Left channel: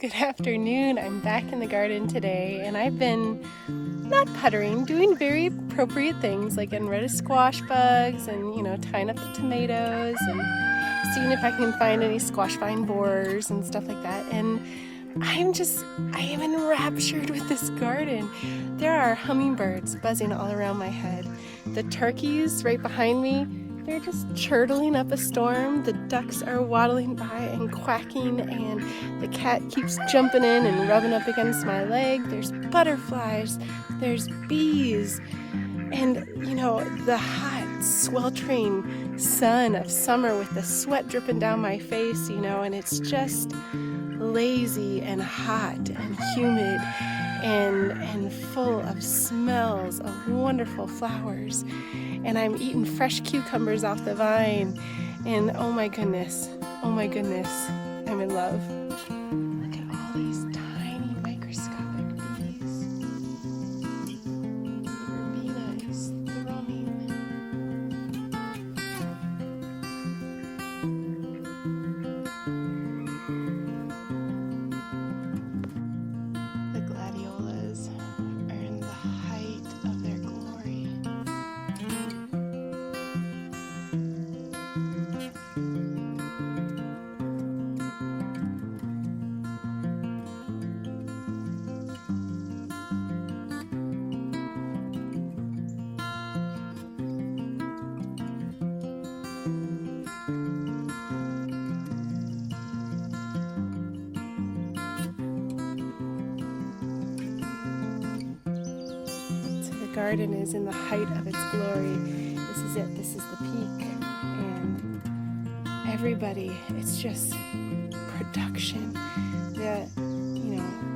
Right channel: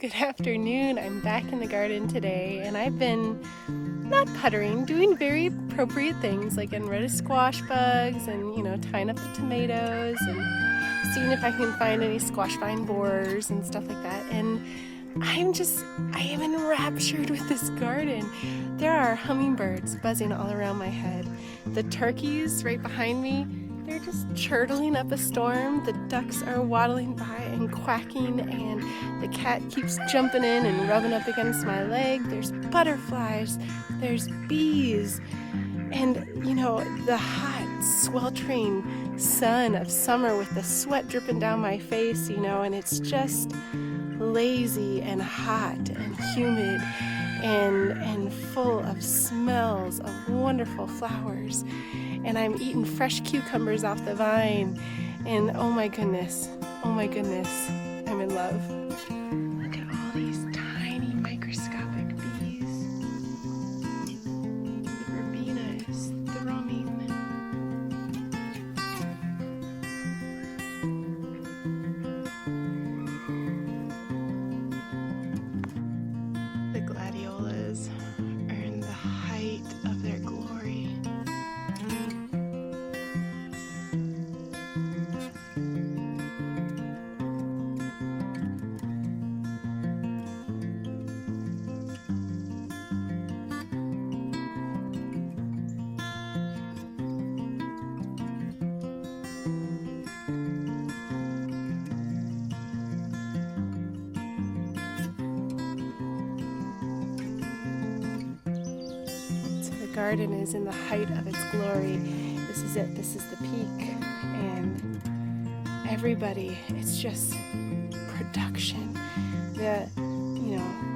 Good afternoon. I'm back in the garden today, and I've been not puttering, doing very appropriate things like getting rid of squash bugs and, tying up the tomatoes and seeing if I can find any squash vine borers and stuff like that. And I am enraptured with this garden. There are hummingbirds buzzing all around my head. The turkeys right behind me, they're just chortling up a storm. The ducks are waddling by and quacking, and the cat keeps jumping in and rubbing up against my leg. There's butterflies, there's bees, and the hot, sweltering sun of summer with the sweat dripping down my face, and it's just lazy and hot and humid and full of smells of wonderful flowers. And I'm eating fresh cucumbers off the vine, and oh my goodness, I'm in love. Look at all these tiny microscopic bees. The verbena is thrumming. The gladiolas are in the height of their glory. The garden is in the height of its glory. This is it. This is the peak. And everybody, it's just production.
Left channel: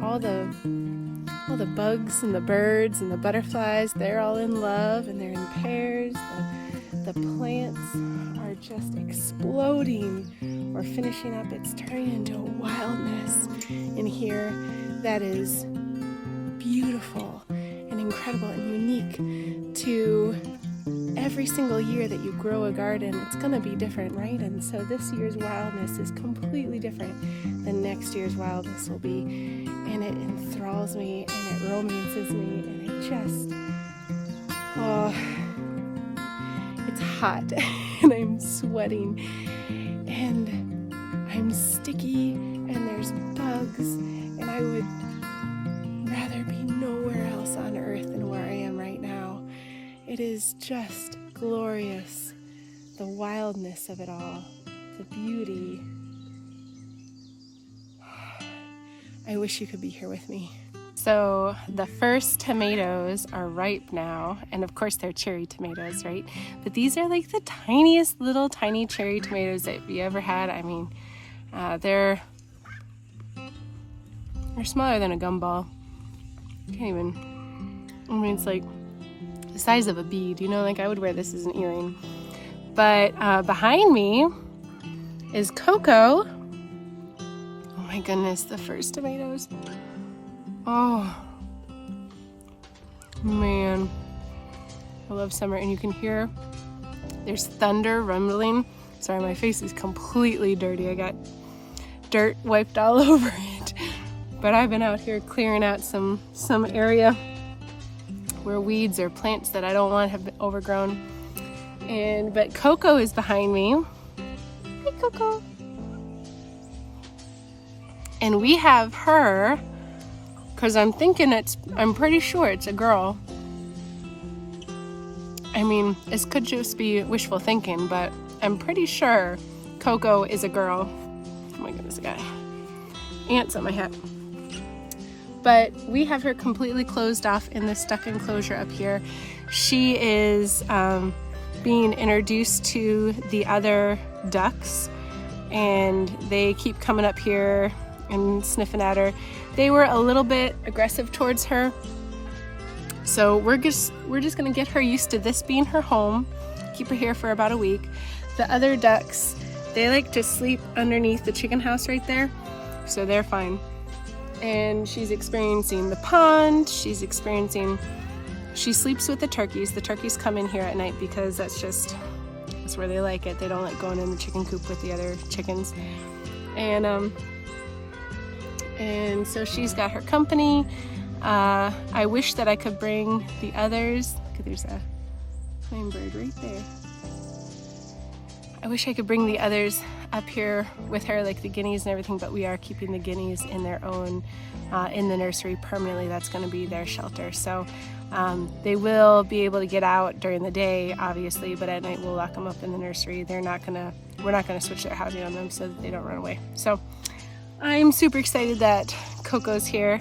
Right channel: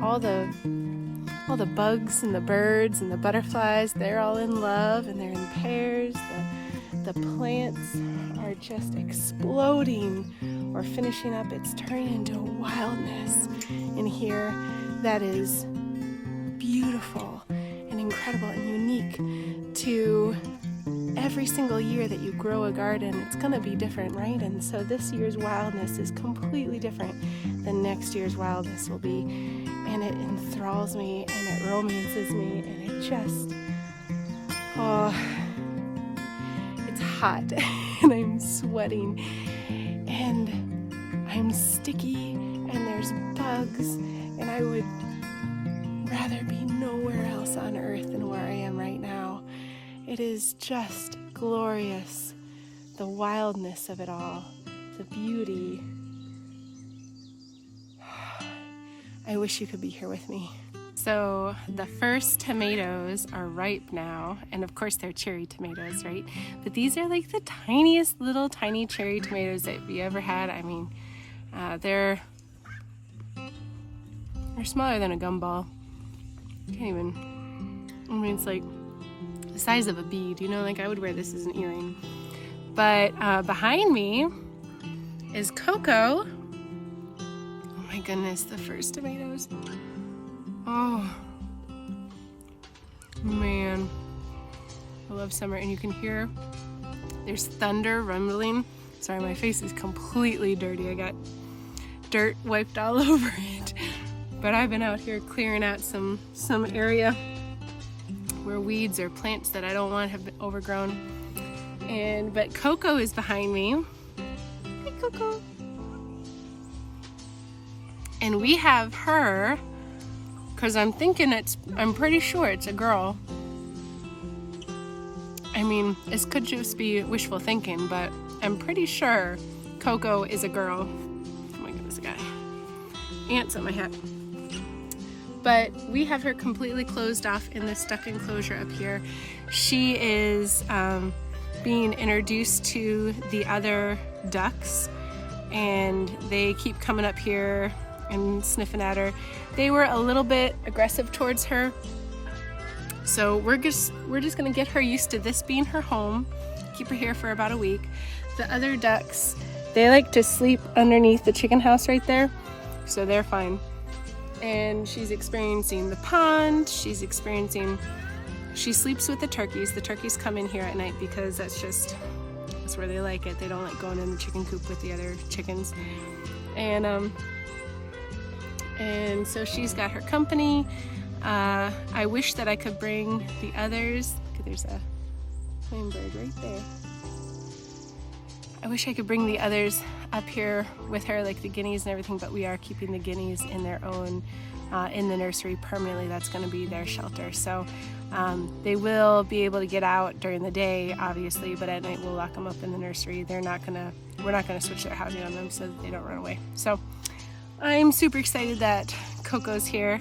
All the bugs and the birds and the butterflies, they're all in love and they're in pairs. The plants are just exploding or finishing up. It's turning into a wildness in here that is beautiful and incredible and unique to every single year that you grow a garden. It's going to be different, right? And so this year's wildness is completely different than next year's wildness will be. And it enthralls me and it romances me, and it just, it's hot and I'm sweating and I'm sticky and there's bugs, and I would rather be nowhere else on earth than where I am right now. It is just glorious, the wildness of it all, the beauty. I wish you could be here with me. So the first tomatoes are ripe now, and of course they're cherry tomatoes, right? But these are like the tiniest little tiny cherry tomatoes that you ever had. I mean, they're smaller than a gumball. It's like the size of a bead, like I would wear this as an earring. But behind me is Coco. Oh my goodness, the first tomatoes. Oh man, I love summer. And you can hear there's thunder rumbling. Sorry, my face is completely dirty. I got dirt wiped all over it. But I've been out here clearing out some area where weeds or plants that I don't want have been overgrown. But Coco is behind me. Hi, Coco. And we have her, because I'm pretty sure it's a girl. I mean, this could just be wishful thinking, but I'm pretty sure Coco is a girl. Oh my goodness, I got ants on my hat. But we have her completely closed off in the stuck enclosure up here. She is being introduced to the other ducks, and they keep coming up here and sniffing at her. They were a little bit aggressive towards her, so we're just gonna get her used to this being her home, keep her here for about a week. The other ducks, they like to sleep underneath the chicken house right there, so they're fine. And she's experiencing the pond. She sleeps with the turkeys. The turkeys come in here at night because that's where they like it. They don't like going in the chicken coop with the other chickens. And and so she's got her company. I wish that I could bring the others. There's a bird right there. I wish I could bring the others up here with her, like the guineas and everything, but we are keeping the guineas in their own, in the nursery permanently. That's going to be their shelter. So they will be able to get out during the day, obviously, but at night we'll lock them up in the nursery. We're not going to switch their housing on them so that they don't run away. So I'm super excited that Coco's here.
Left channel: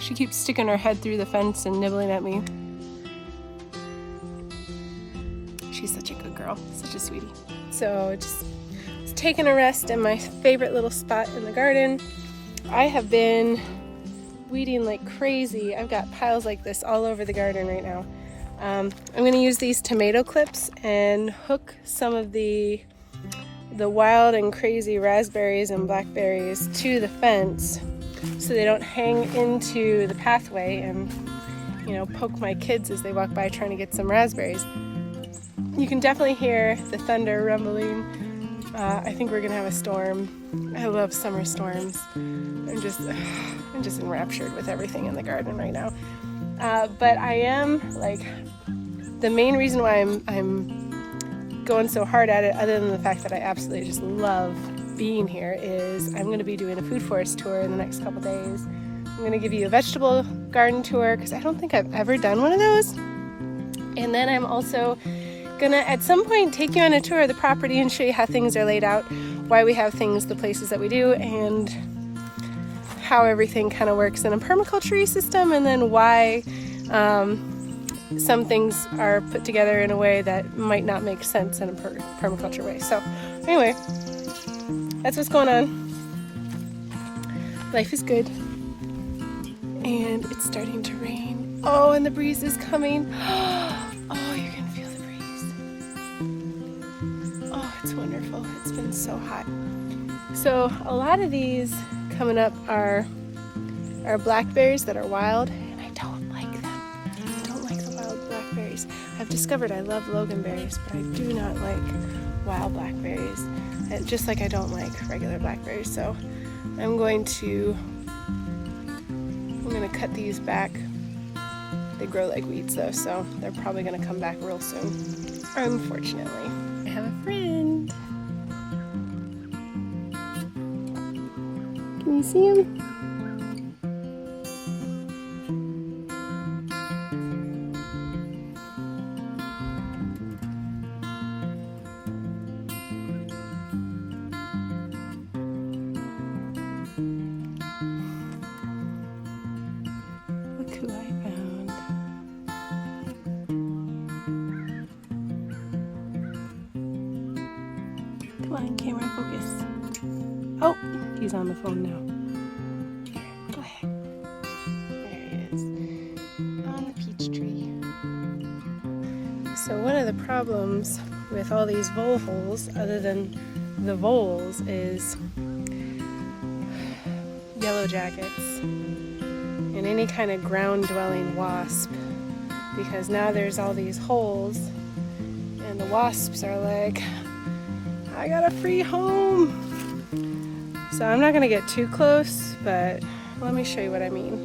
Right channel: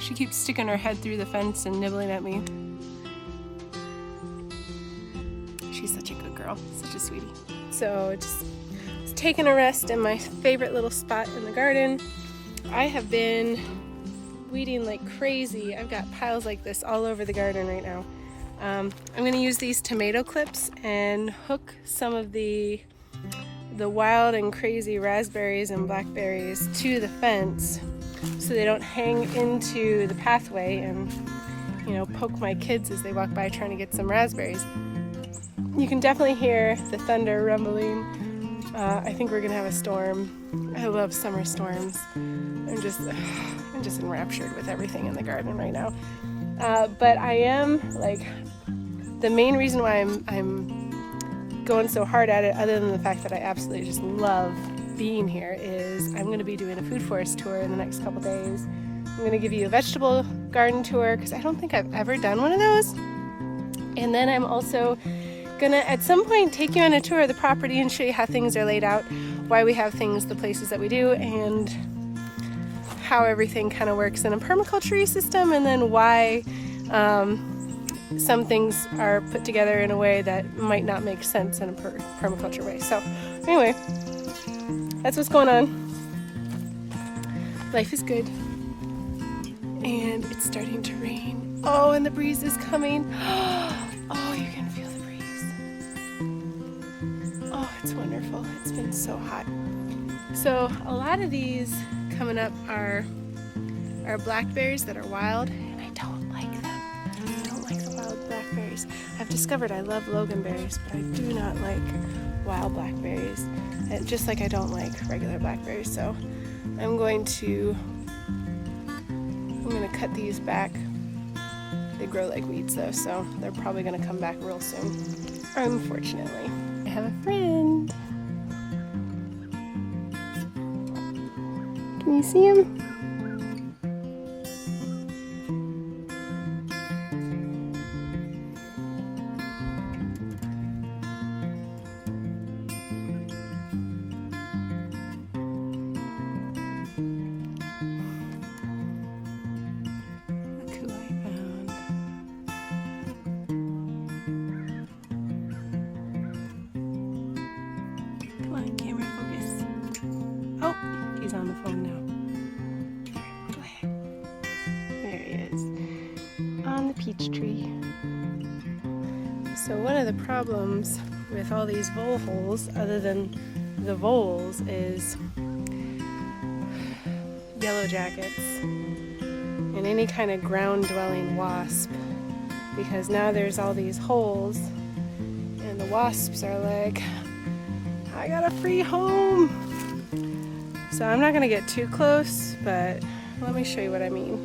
She keeps sticking her head through the fence and nibbling at me. She's such a good girl, such a sweetie. So just taking a rest in my favorite little spot in the garden. I have been weeding like crazy. I've got piles like this all over the garden right now. I'm going to use these tomato clips and hook some of the wild and crazy raspberries and blackberries to the fence so they don't hang into the pathway and, you know, poke my kids as they walk by trying to get some raspberries. You can definitely hear the thunder rumbling. I think we're gonna have a storm. I love summer storms. I'm just enraptured with everything in the garden right now. But I am, like, the main reason why I'm going so hard at it, other than the fact that I absolutely just love being here, is I'm going to be doing a food forest tour in the next couple days. I'm going to give you a vegetable garden tour because I don't think I've ever done one of those. And then I'm also going to at some point take you on a tour of the property and show you how things are laid out, why we have things the places that we do, and how everything kind of works in a permaculture system, and then why some things are put together in a way that might not make sense in a permaculture way. So anyway, that's what's going on. Life is good. And it's starting to rain. Oh, and the breeze is coming. Oh, you can feel the breeze. Oh, it's wonderful. It's been so hot. So a lot of these coming up are blackberries that are wild, and I don't like them. I don't like the wild blackberries. I've discovered I love loganberries, but I do not like wild blackberries. Just like I don't like regular blackberries. So I'm going to cut these back. They grow like weeds though, so they're probably gonna come back real soon, unfortunately. I have a friend. Can you see him? Look who I found. Come on, camera, focus. Oh, he's on the phone now. Here, go ahead. There he is, on the peach tree. So one of the problems with all these vole holes, other than the voles, is yellow jackets and any kind of ground-dwelling wasp, because now there's all these holes and the wasps are like, I got a free home. So I'm not gonna get too close, but let me show you what I mean.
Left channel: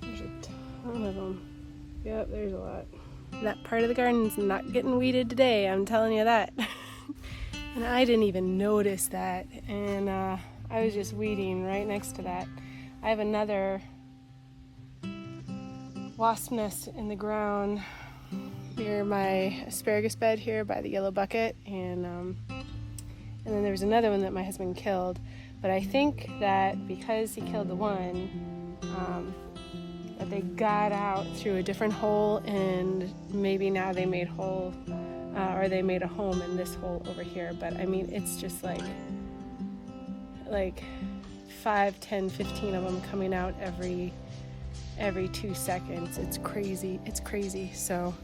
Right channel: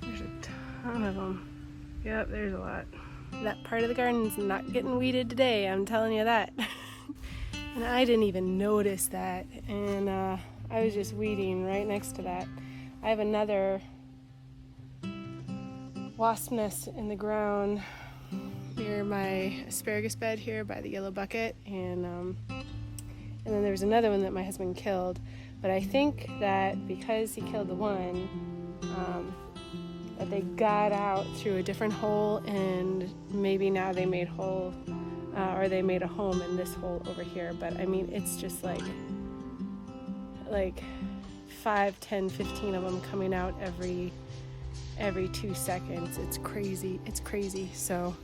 There's a ton of them. Yep, there's a lot. That part of the garden's not getting weeded today, I'm telling you that. And I didn't even notice that, and I was just weeding right next to that. I have another wasp nest in the ground near my asparagus bed here by the yellow bucket, and then there was another one that my husband killed. But I think that because he killed the one, that they got out through a different hole, and maybe now they made hole, or they made a home in this hole over here. But I mean, it's just like 5, 10, 15 of them coming out every 2 seconds. It's crazy. So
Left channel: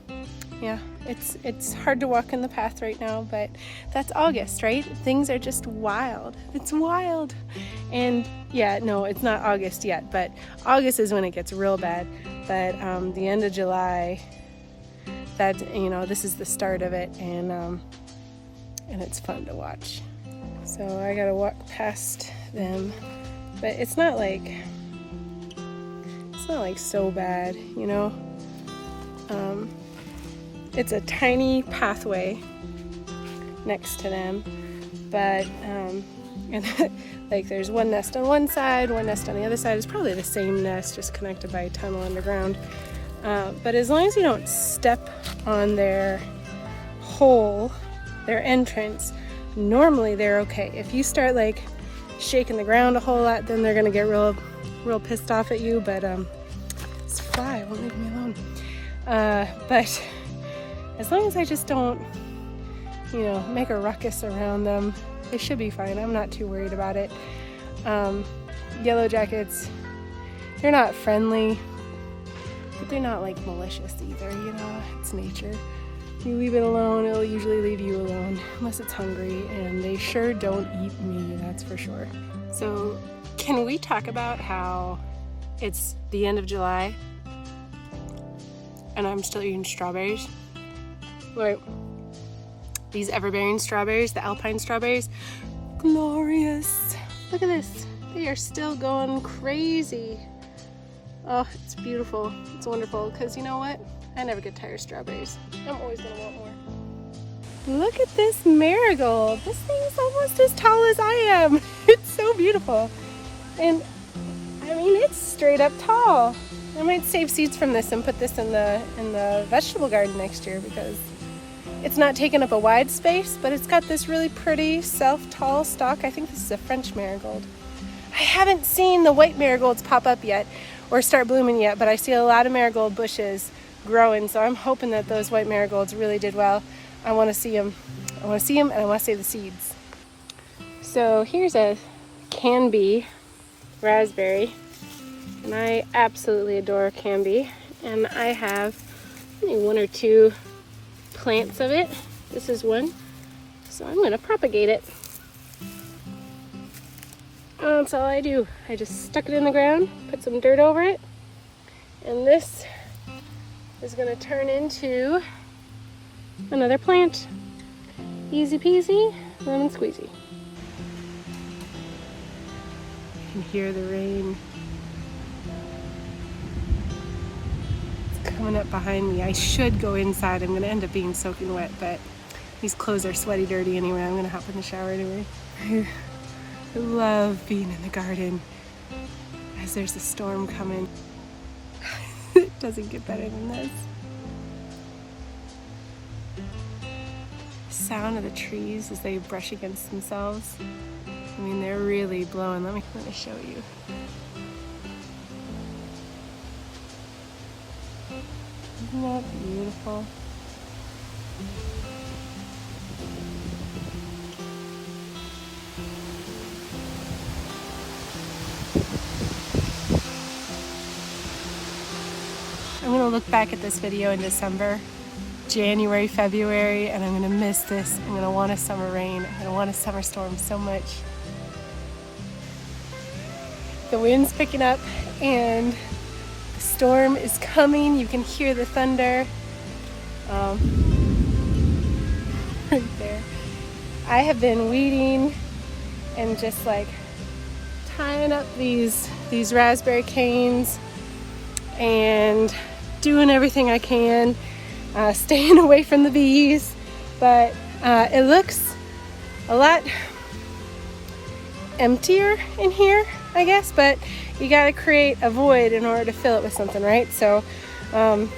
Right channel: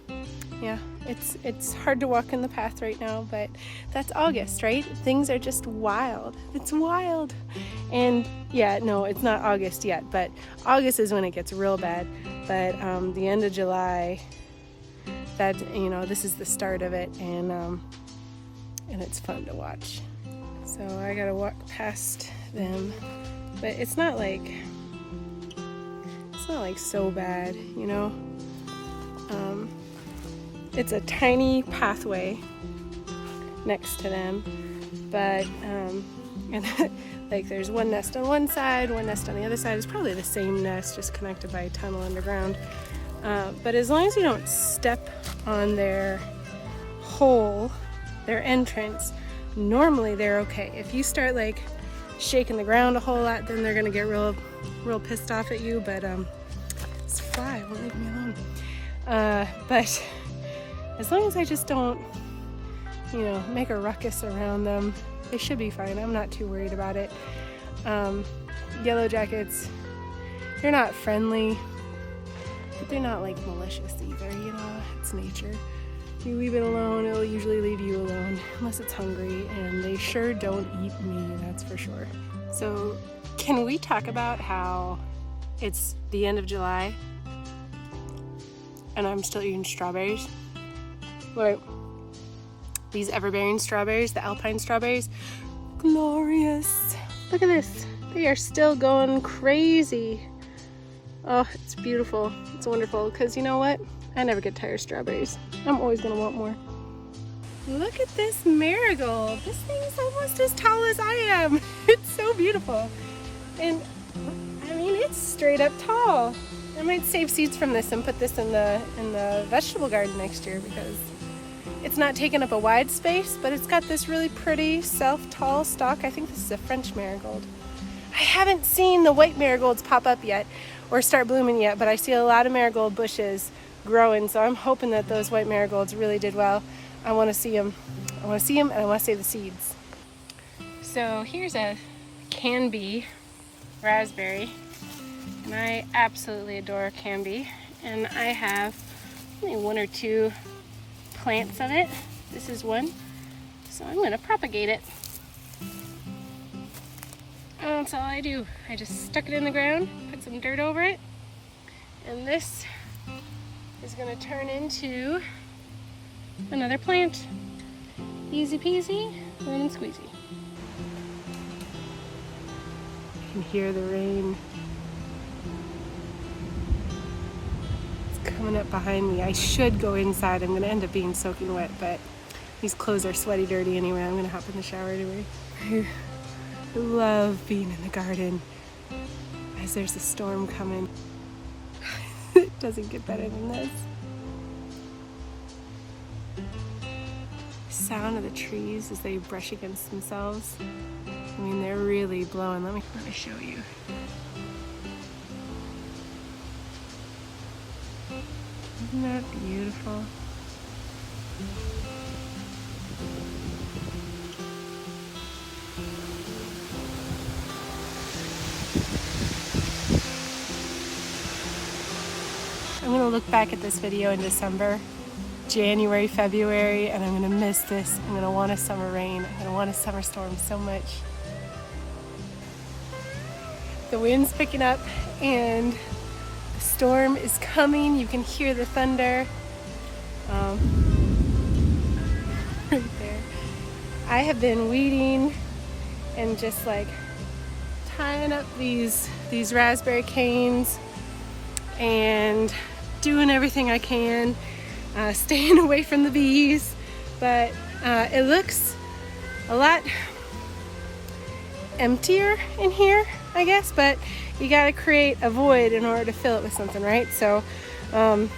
yeah, it's hard to walk in the path right now, but that's August, right? Things are just wild. It's wild. And yeah, no, it's not August yet, but August is when it gets real bad. But the end of July, that, you know, this is the start of it, and it's fun to watch. So I gotta walk past them, but it's not like so bad, you know. It's a tiny pathway next to them, but and like there's one nest on one side, one nest on the other side. It's probably the same nest, just connected by a tunnel underground. But as long as you don't step on their hole, their entrance, normally they're okay. If you start like shaking the ground a whole lot, then they're gonna get real pissed off at you. But this fly won't leave me alone. But as long as I just don't, you know, make a ruckus around them, they should be fine. I'm not too worried about it. Yellow jackets, they're not friendly, but they're not like malicious either, you know. It's nature. If you leave it alone, it'll usually leave you alone unless it's hungry, and they sure don't eat me, that's for sure. So can we talk about how it's the end of July and I'm still eating strawberries? Like these everbearing strawberries, the alpine strawberries, glorious. Look at this, they are still going crazy. Oh, it's beautiful, it's wonderful, because you know what? I never get tired of strawberries. I'm always gonna want more. Look at this marigold. This thing's almost as tall as I am. It's so beautiful. And I mean, it's straight up tall. I might save seeds from this and put this in the vegetable garden next year, because it's not taking up a wide space, but it's got this really pretty self-tall stalk. I think this is a French marigold. I haven't seen the white marigolds pop up yet or start blooming yet, but I see a lot of marigold bushes growing, so I'm hoping that those white marigolds really did well. I want to see them. I want to see them, and I want to save the seeds. So here's a Canby raspberry, and I absolutely adore Canby, and I have maybe one or two plants of it. This is one, so I'm going to propagate it. That's all I do. I just stuck it in the ground, put some dirt over it, and this is going to turn into another plant. Easy peasy, lemon squeezy. You hear the rain. It's coming up behind me. I should go inside. I'm going to end up being soaking wet, but these clothes are sweaty dirty anyway. I'm going to hop in the shower anyway. I love being in the garden as there's a storm coming. It doesn't get better than this. Sound of the trees as they brush against themselves. I mean, they're really blowing. Let me show you. Isn't that beautiful? I'm gonna look back at this video in December, January, February, and I'm gonna miss this. I'm gonna want a summer rain. I'm gonna want a summer storm so much. The wind's picking up and the storm is coming. You can hear the thunder right there. I have been weeding and just like tying up these raspberry canes and doing everything I can, staying away from the bees, but it looks a lot emptier in here, I guess, but you gotta create a void in order to fill it with something, right? So I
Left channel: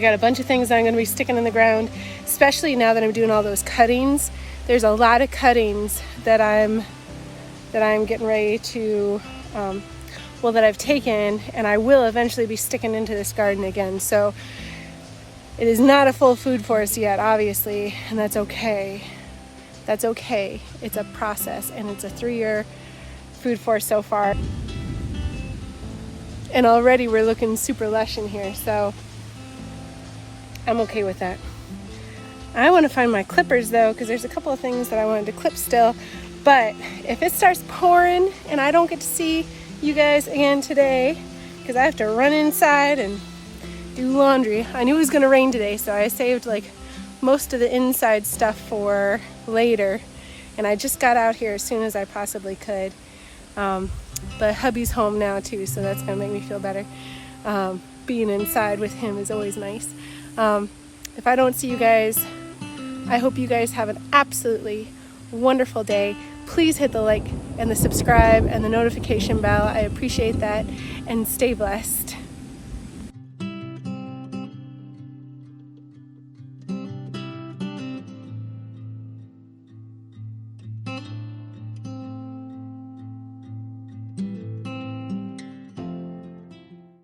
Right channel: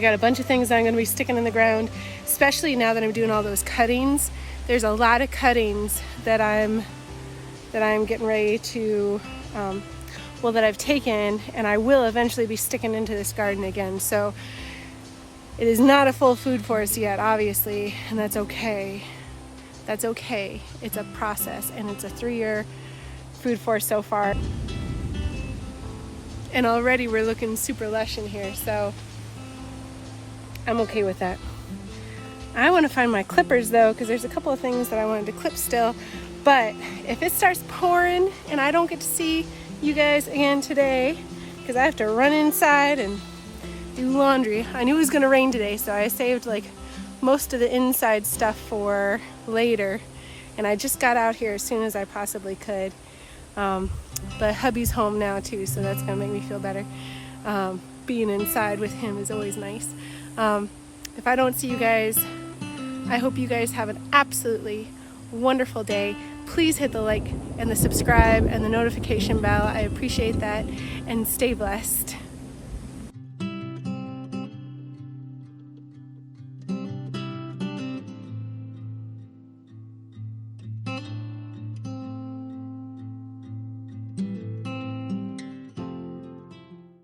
got a bunch of things I'm gonna be sticking in the ground, especially now that I'm doing all those cuttings. There's a lot of cuttings that I'm getting ready to that I've taken, and I will eventually be sticking into this garden again. So it is not a full food forest yet, obviously, and that's okay. That's okay. It's a process, and it's a 3-year food forest so far. And already we're looking super lush in here, so I'm okay with that. I want to find my clippers though, because there's a couple of things that I wanted to clip still, but if it starts pouring and I don't get to see you guys again today, because I have to run inside and do laundry. I knew it was going to rain today, so I saved like most of the inside stuff for later, and I just got out here as soon as I possibly could. But hubby's home now too, so that's gonna make me feel better. Being inside with him is always nice. If I don't see you guys, I hope you guys have an absolutely wonderful day. Please hit the like and the subscribe and the notification bell. I appreciate that, and stay blessed.